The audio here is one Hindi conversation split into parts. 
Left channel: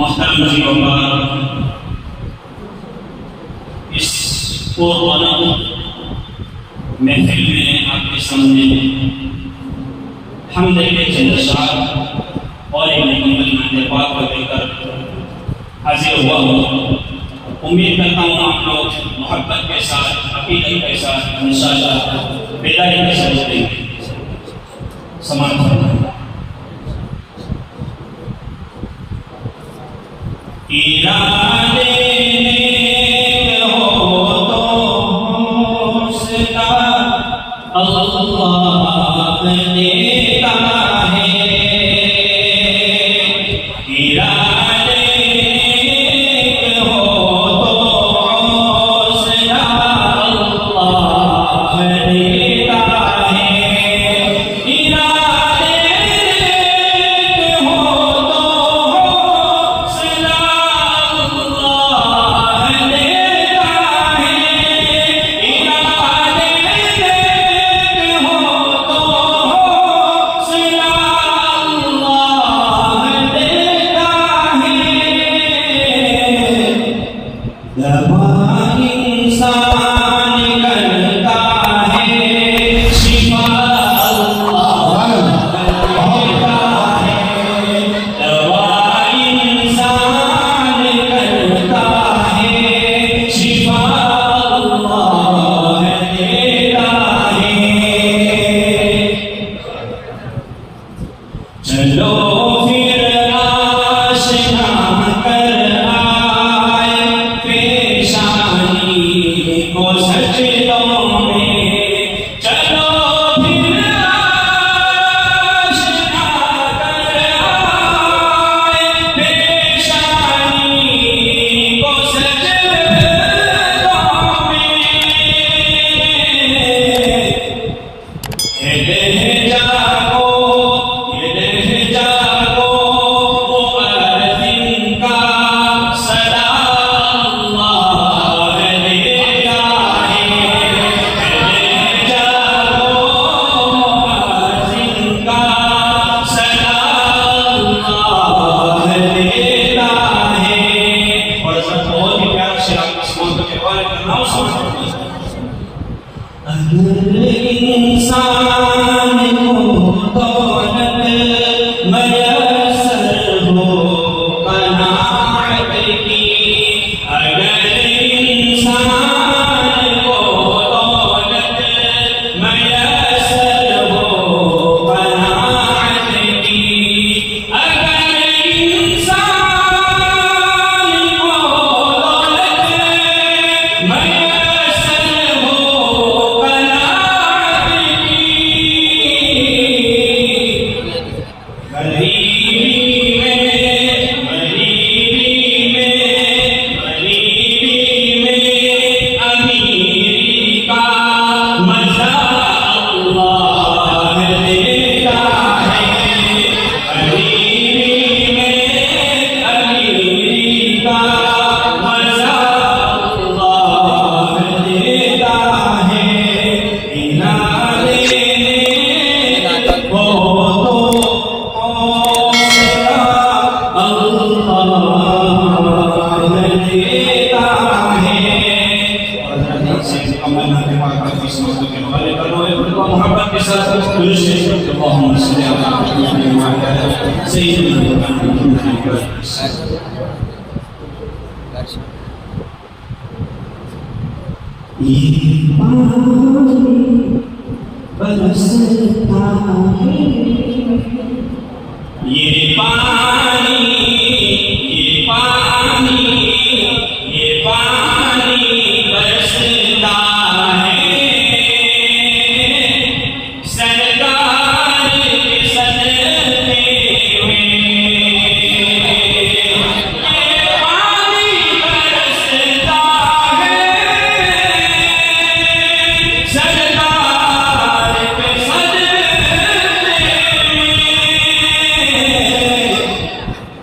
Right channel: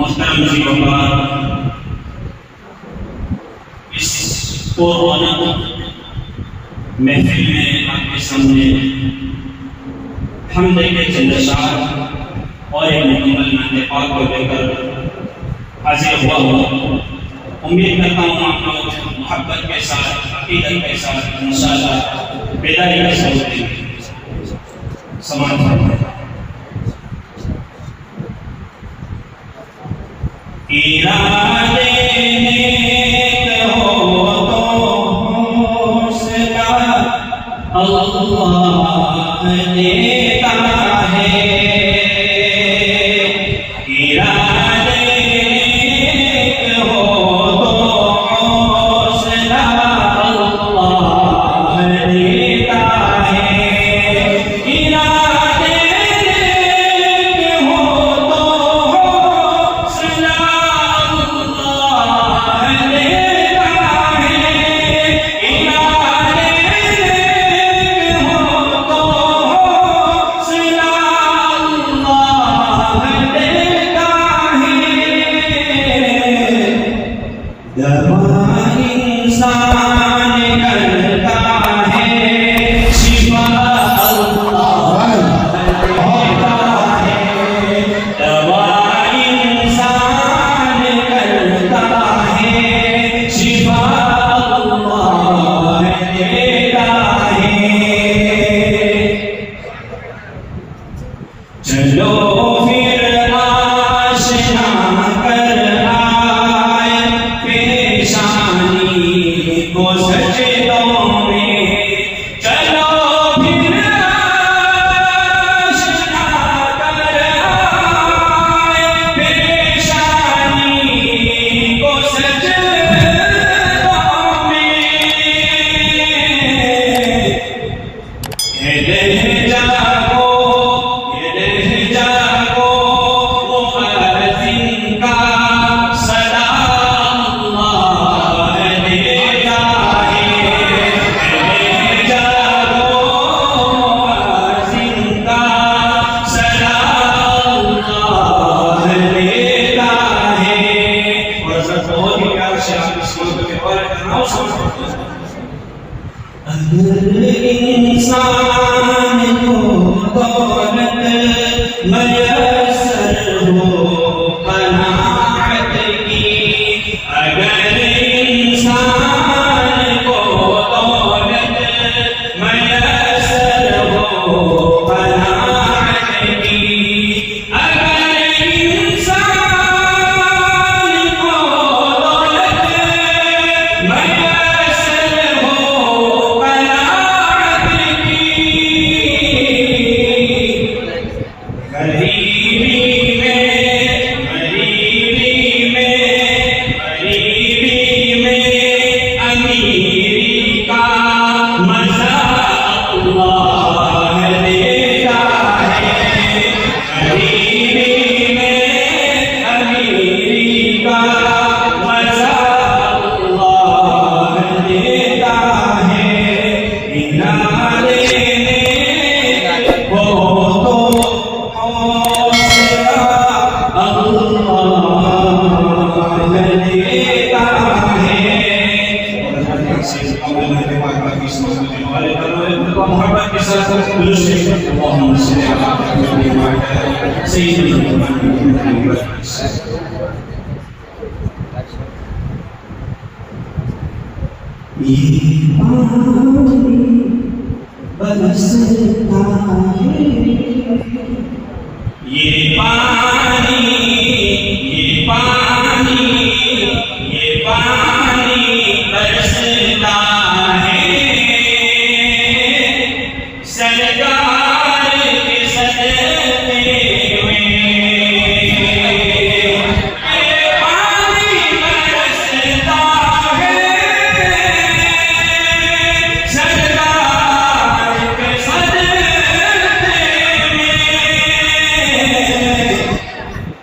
मोहतरम जी बाबा, इस पुराना महफिल में आपके सामने हम देखे चंद्रशाह और एक मुकम्मल नाते पाक को देकर हाजिर हुआ हूँ। उम्मीद करता हूँ आप लोग मोहब्बत के साथ, अकीदत के साथ इंशाअल्लाह बेदारी के साथ समान फरमाएं। इरादे हो तो उसका अल्लाह देता है। इरादे हो तो उसका अल्लाह देता है। इरादे हो तो उसका चलो फिर आशना कर आए पेशानी को सजदों में। चलो फिर आशना कर आए पेशानी को सजदों में। अगर इंसान को दौलत मयसर हो कनाअत की, अगर इंसान को दौलत मयसर हो कनाअत की, अगर इंसान को दौलत मयसर हो मोहब्बत के साथ अल्लाहुम्मा सल्ली अला मुहम्मद व अला सय्यिदिना मुहम्मद। ये पानी बरसता है, ये पानी, ये पानी, ये पानी बरसता है। सरकार के सदके में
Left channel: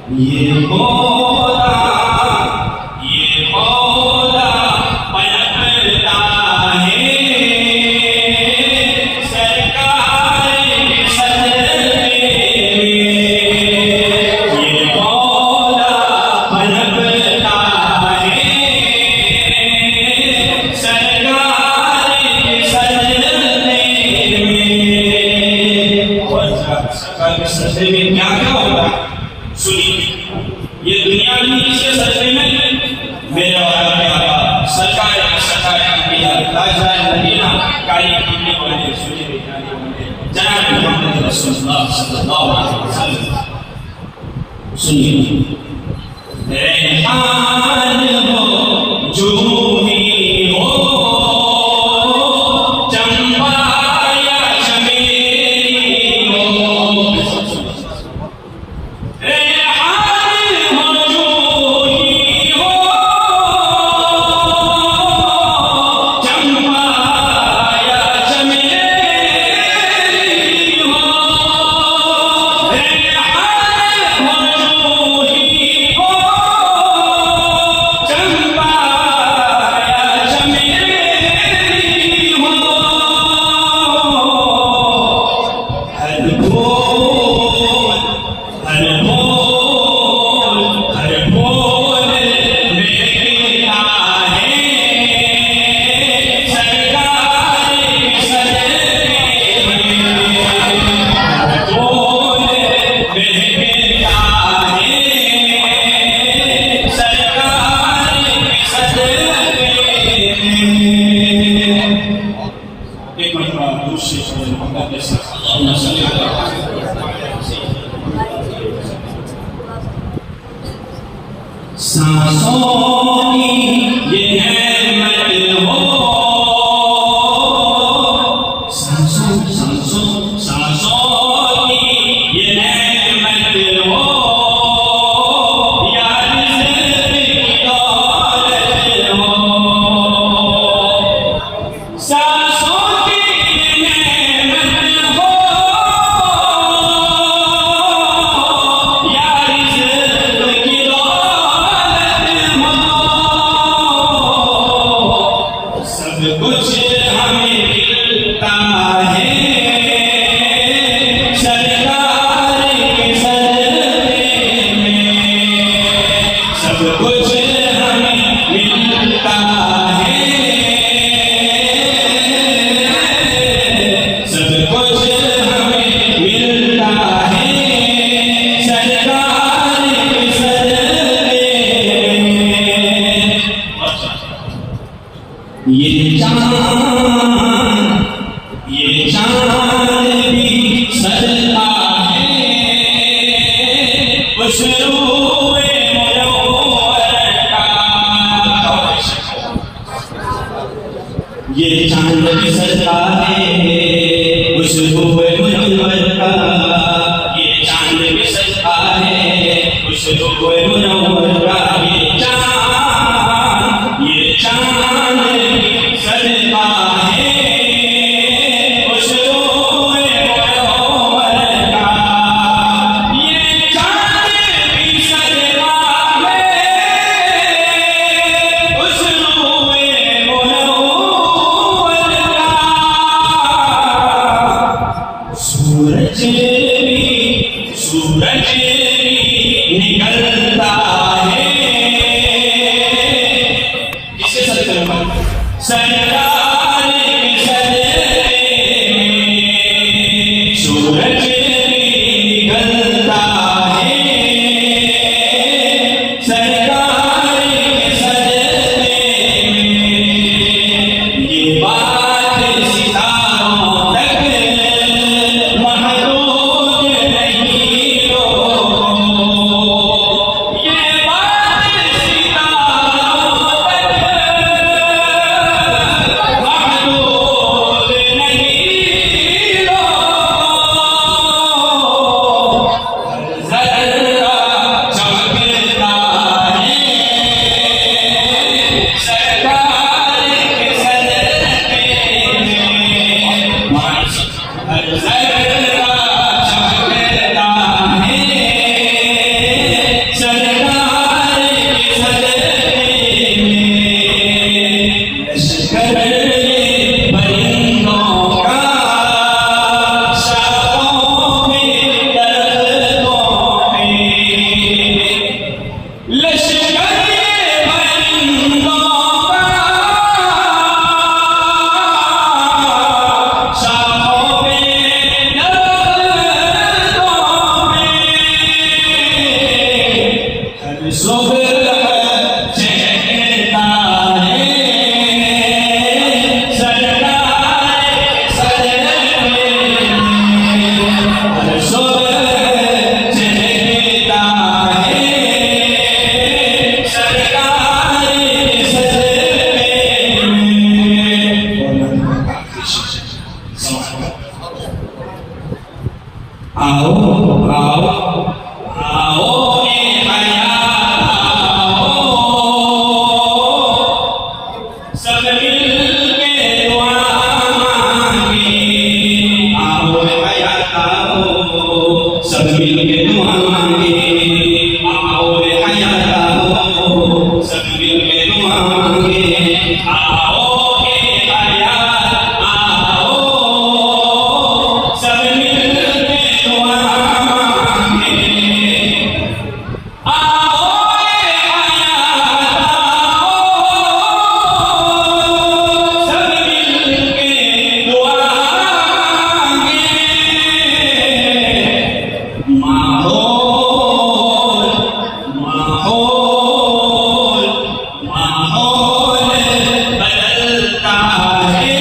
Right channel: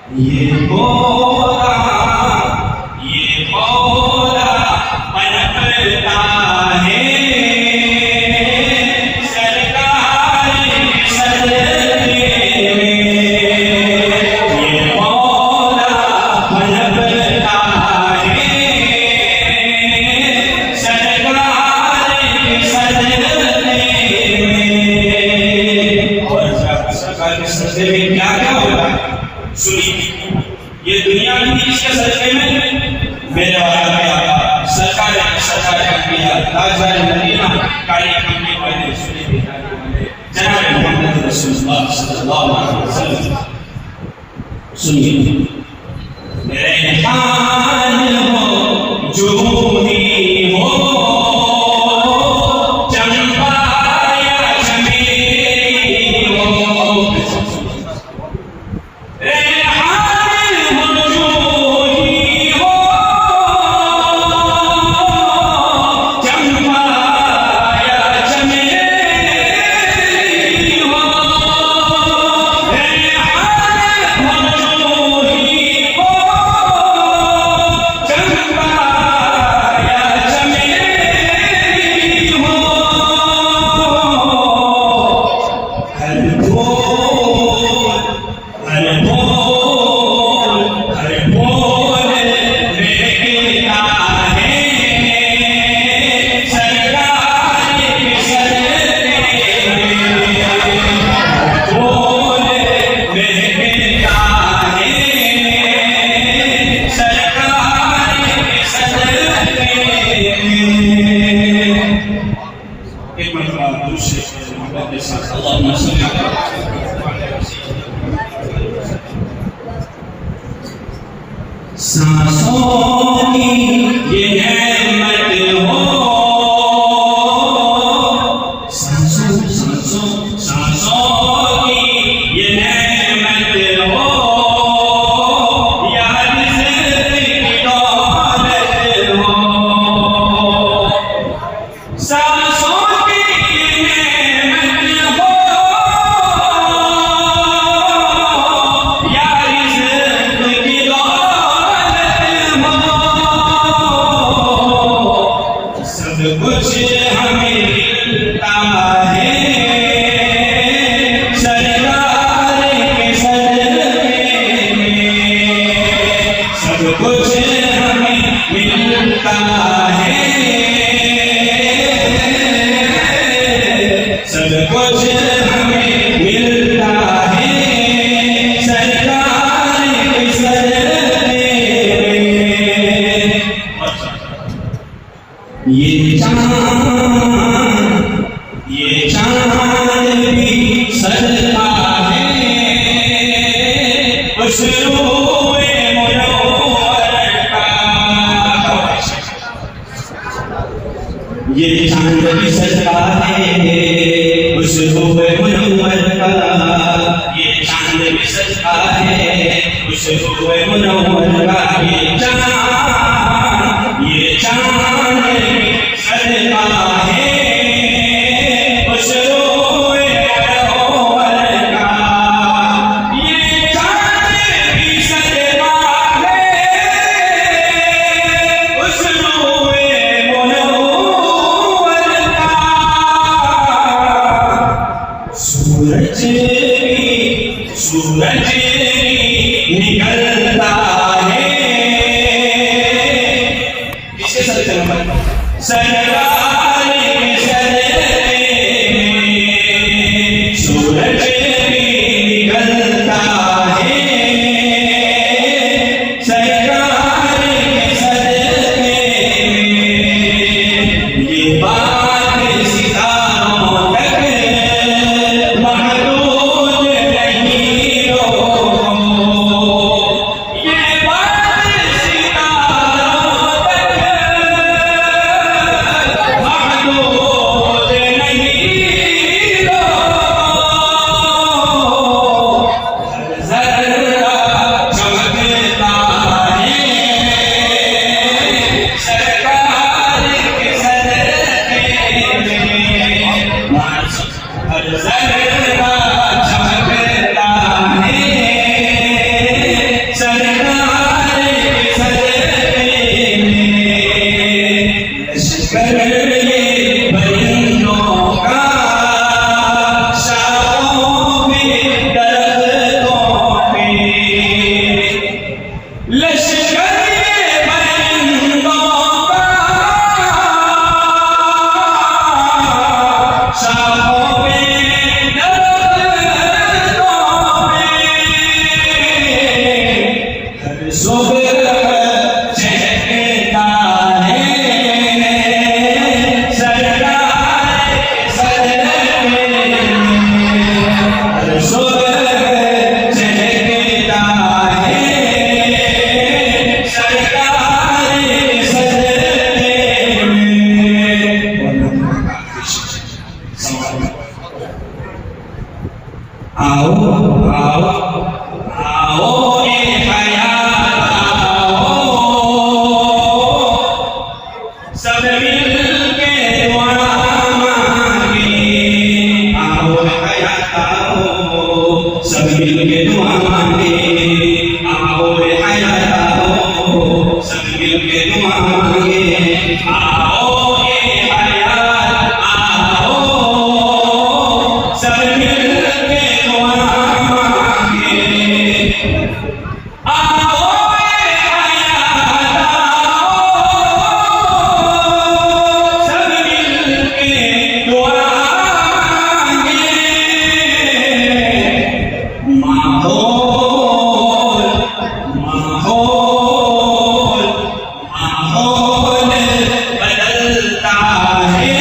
ये पौधा पनपता है सरकारी सदमे में। ये पौधा पनपता है सरकारी सदमे में। और सरकारी सदमे में क्या क्या होता है सुनिए। ये दुनिया भी इसके सदमे में मेरे सरकार ताजदार मदीना काली करने वाले सुने दिखाने वाले जनाब मोहम्मद रसूलुल्लाह सल्लल्लाहु अलैहि वसल्लम। सुनिए रेहान हो जूही हो चंपा या चमेली हो। सांसों की ये नेमत हो सांसों की ये नेमत हो या रिज़्क़ की दौलत हो। सांसों की ये नेमत हो या रिज़्क़ की सब कुछ हमें मिलता है सरकार के सदमे में। सब कुछ हमें मिलता है सब कुछ हमें मिलता है सरकार के सदमे में। ये चांद भी सजता है उस रूए मुनव्वर का। ये चांद भी सजता है उस रूए मुनव्वर का। ये चांद भी सजता है उस रूए मुनव्वर का। ये चांद सजता है उस रूए मुनव्वर का। ये चांद भी सजता है उस रूए मुनव्वर का। सूरज भी निकलता है लश्कर परिंदों का शाखों पे दरख्तों पे हर सुबह चहकता है सरकार सर में हर सुबह चहकता है सरकार सर में आओ आओ आओ ए हयात आओ सब मिलके दुआ मांगे आओ ए हयात आओ सब मिलके दुआ मांगे आओ ए हयात आओ सब मिलके दुआ मांगे आओ ए हयात आओ सब मिलके दुआ मांगे आओ ए हयात आओ सब मिलके दुआ मांगे माहौल माहौल माहौल बदलता है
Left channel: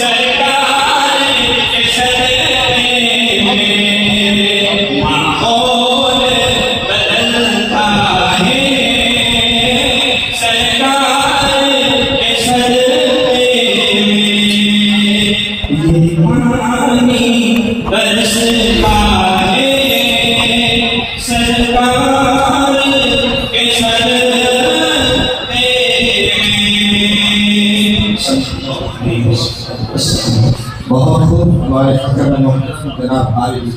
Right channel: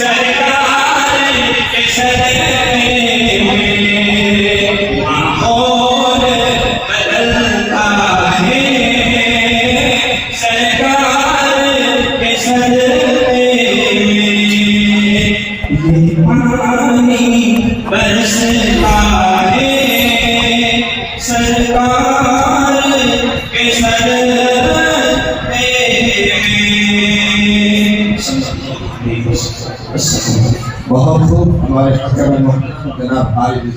सरकार के सदमे में माहौल बदलता है सरकार के सदमे में ये पानी बरसता है सरकार के सदमे में बहुत खूब हमारे फकर जनाब आरिफ